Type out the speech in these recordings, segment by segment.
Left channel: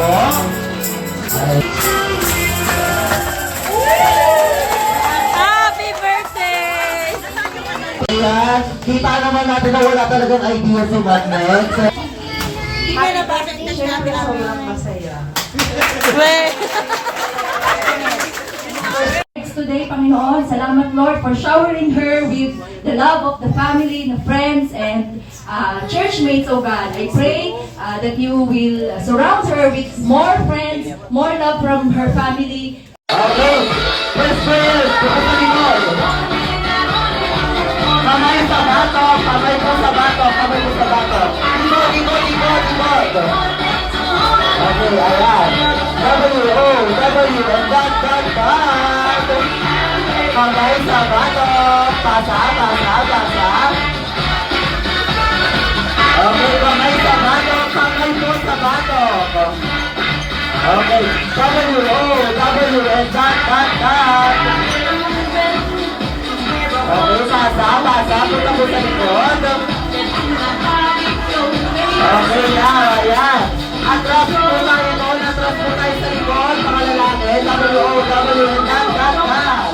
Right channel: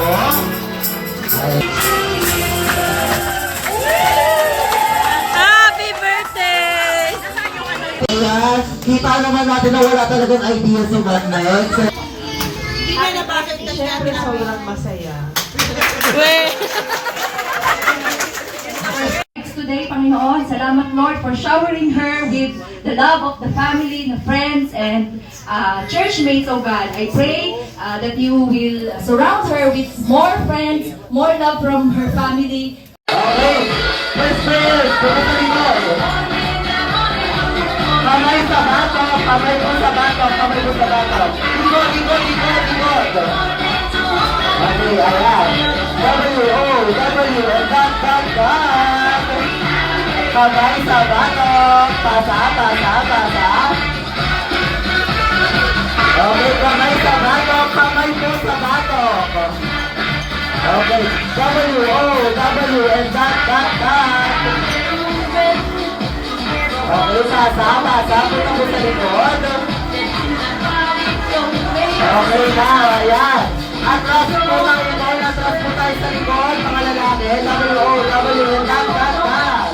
po. Happy birthday! Ayan, kita naman natin na wala talagang idea sa magnet. Hindi na nabasa na siya natin ang walang masaya. Today, Panginoon, salamat Lord for showering her with the love of the family, the friends, and church mates, oh God. I pray that you will surround her with more friends, more love from her family. Okay, first prayer, pagkasaling mo. Kamay sa bato, kamay po sa bato, kamay po sa bato. Ikot, ikot, ikot, ikot. Okay, ayan. W, and that. Kamay sa bato, pasa. Okay, kamay sa bato, kamay po sa bato. Okay, W, and that. Okay, basa po kami sa likod. Okay na, ayan. Atras po ngayon, atras po tayo sa likod, mga lalaki. W, and that.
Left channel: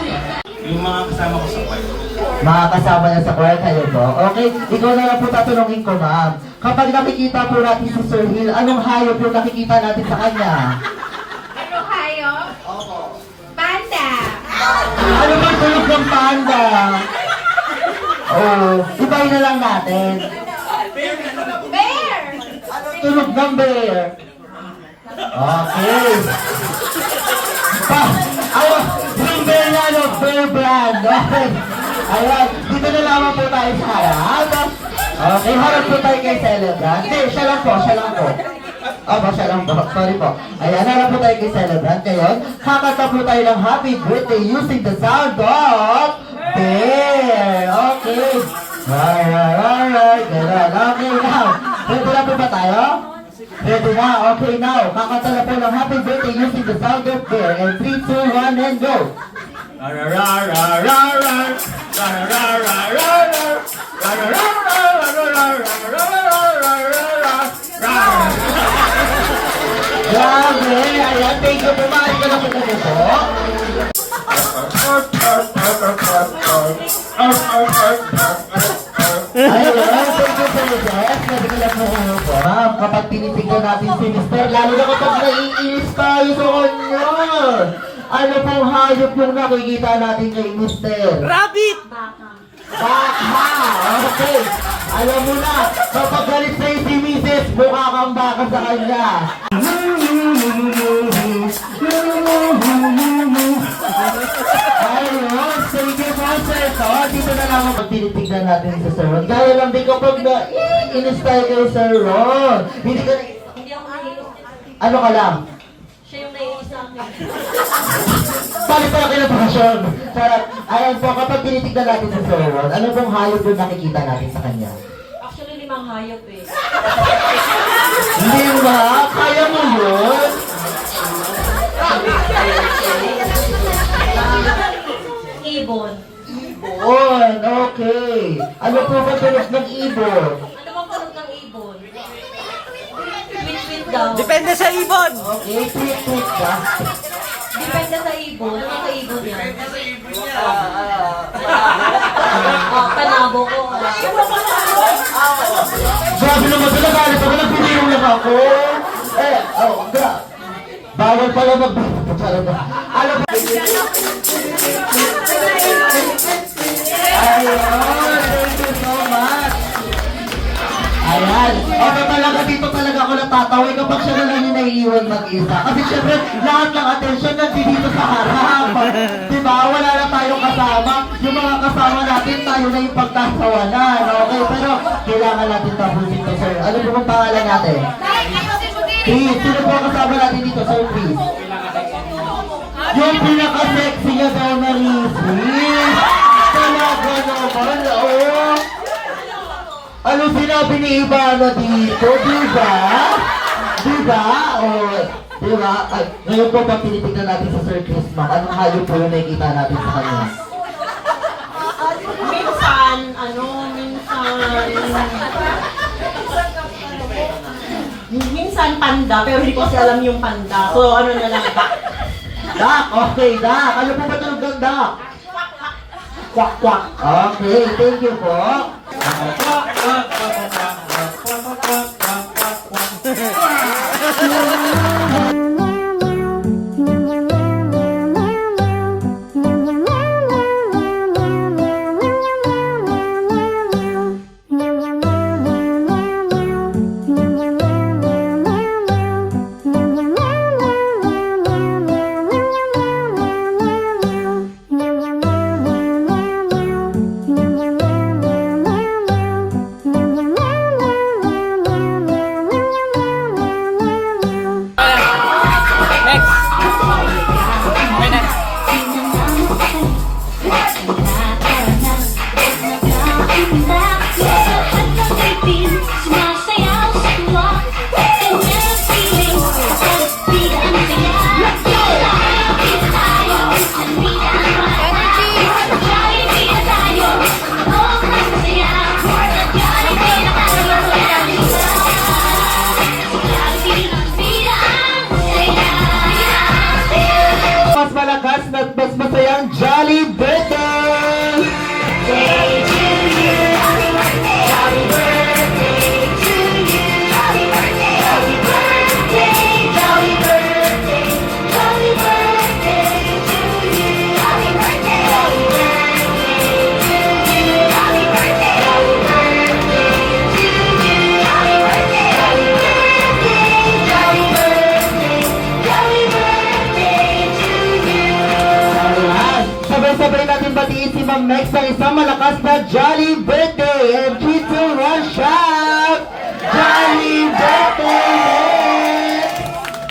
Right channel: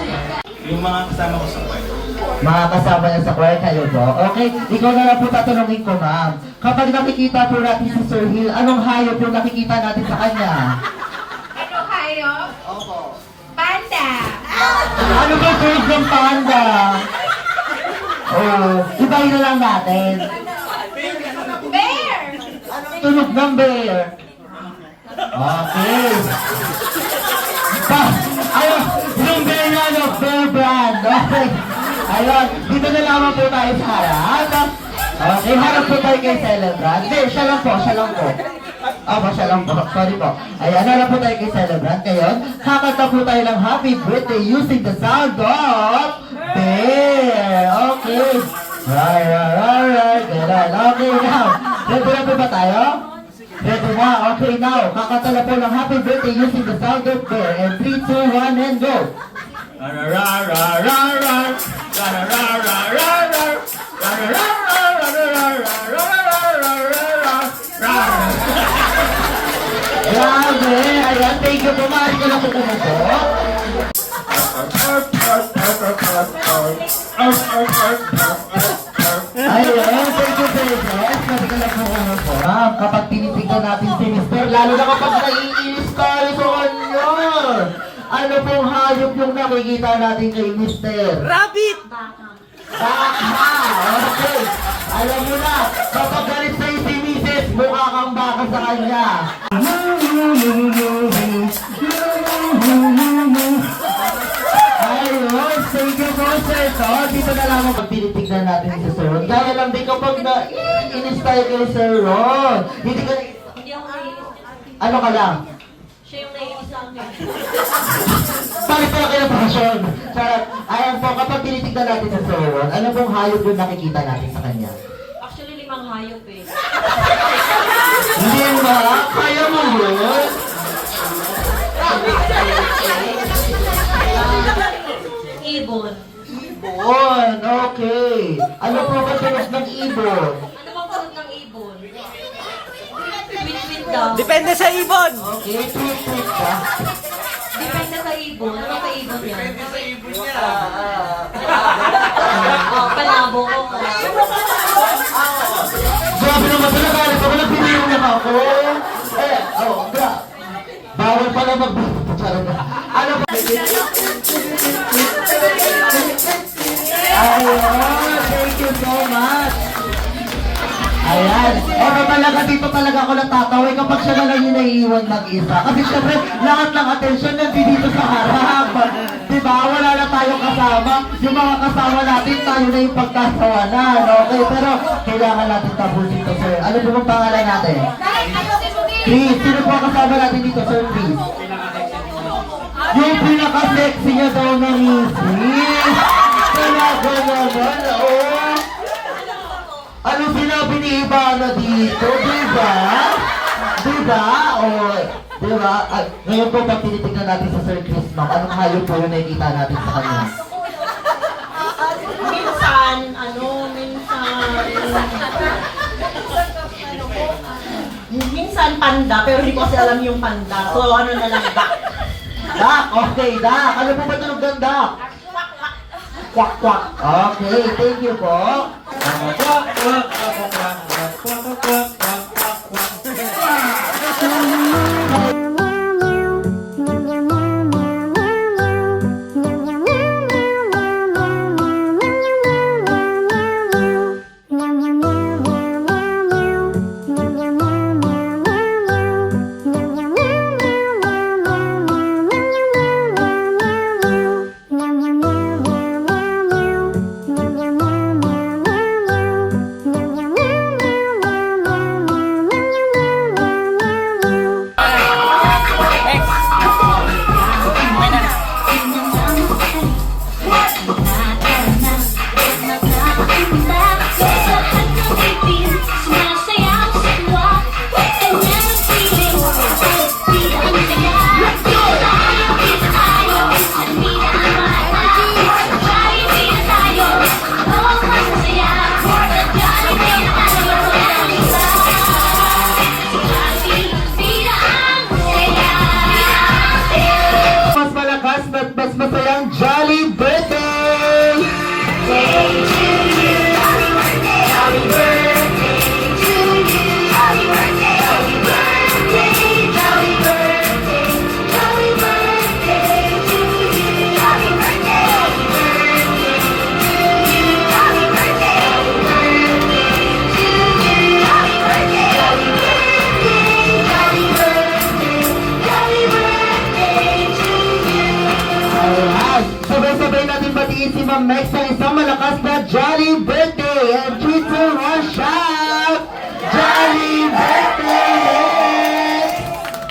Yung mga kasama ko sa choir. Mga kasama niya sa choir kayo po. Okay, ikaw na lang po tatanungin ko, ma'am. Kapag nakikita po natin si Sir Hill, anong hayop po nakikita natin sa kanya? Ano kayo? Panda! Ano ba yung tunog ng panda? Oh, ibahin na lang natin. Bear! Tunog ng bear. Okay. Ayun, yung bear na bear brand. Okay. Ayun, dito na lamang po tayo sa harap. Okay, harap po tayo kay Celebrant. Hindi, siya lang po. Siya lang po. Sorry po. Ayan, harap po tayo kay Celebrant. Ngayon, kakanta po tayo ng happy birthday using the sound of bear. Okay. Right. Okay, now. Ready na po ba tayo? Ready na? Okay, now. Kakanta na po ng happy birthday using the sound of bear. And 3, 2, 1, and go. Grabe! Ayan, thank you po. Maaari ka na po po. Ayun, thank you, Princess. Pwede ka na po. Kapag tinitignan natin si Mr. Lalo na kapag naiinis tayo sa kanya. Ano pong hayop yung nakikita natin kay Mr.? Rabbit! Baka! Okay. Alam mo na, kapag galit sa'yo si Mrs., mukha kang baka sa kanya. Ayun, thank you po, sir. So, dito na lang ang tinitignan natin si Sir Ron. Gaya lang din kapag na-inis tayo kay Sir Ron. Hindi ka... Hindi ako naiinis. Ano ka lang? Siya yung naiinis sa akin. Balik pala kayo ng pasyon. Sarap. Ayan po, kapag tinitignan natin si Sir Ron, ano pong hayop yung nakikita natin sa kanya? Actually, 5 hayop eh. Hindi ba? Kaya mo yun? Ibon. Ibon, okay. Ano po ba tunog ng ibon? Ano bang tunog ng ibon? Tweet daw. Depende sa ibon! Okay, tweet ka. Depende sa ibon. Ano sa ibon yan? Panabo ko. Grabe naman pala, galit ako, nagpipirong lang ako. Bawal pala mag-charot na. Ano ba? Ayun, thank you so much. Ayan. Eto talaga, dito talaga ako natatawin kapag siya na lang yung naiiwan mag-isa. Kasi syempre, lahat ng atensyon nandito sa harap. Diba? Wala na tayong kasama. Yung mga kasama natin, tayo na yung pagkasawanan. Okay, pero kailangan natin tapusin to, sir. Ano po ang pangalan natin? Chris. Sino po ang kasama natin dito, sir Chris? Yung pinaka-sexy niya daw na Mrs. Talaga naman, oh. Ano sinabi ni Ivana dito, diba? Diba? O, diba? Ay, ngayon po pag tinitignan natin sa Sir Chris, ma'am, anong hayop po yung nakikita natin sa kanya? Minsan, minsan... Minsan panda, pero hindi ko kasi alam yung panda. So ano na lang ba? Dak, okay, Dak. Ano po ba tunog ng Dak? Kwak, kwak. Okay, thank you po. Mas malakas, mas masayang Jolly Birthday! Alright, sabay-sabay natin batiin si Ma'am Mex sa isang malakas na Jolly Birthday! And 3, 2, 1, shout! Jolly Birthday, Mex!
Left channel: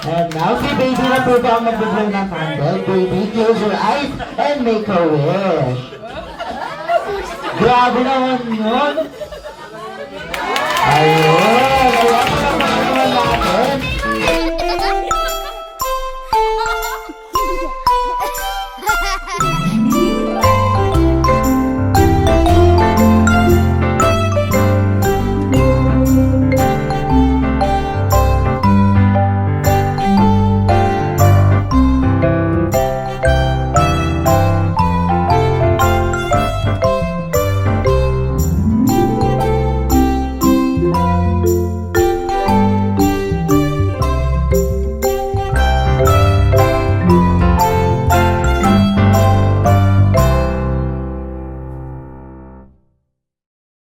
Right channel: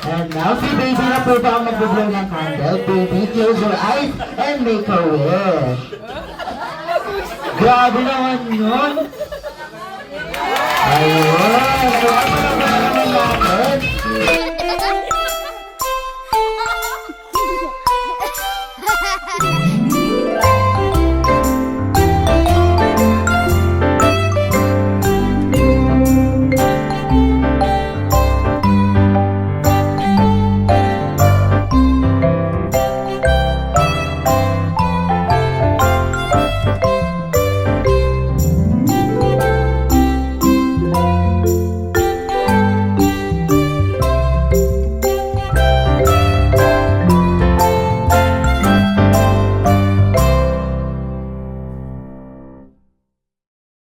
And now si Baby na po ba ang mag-blow ng candle? Baby, close your eyes and make a wish. Grabe naman yun! Ayun!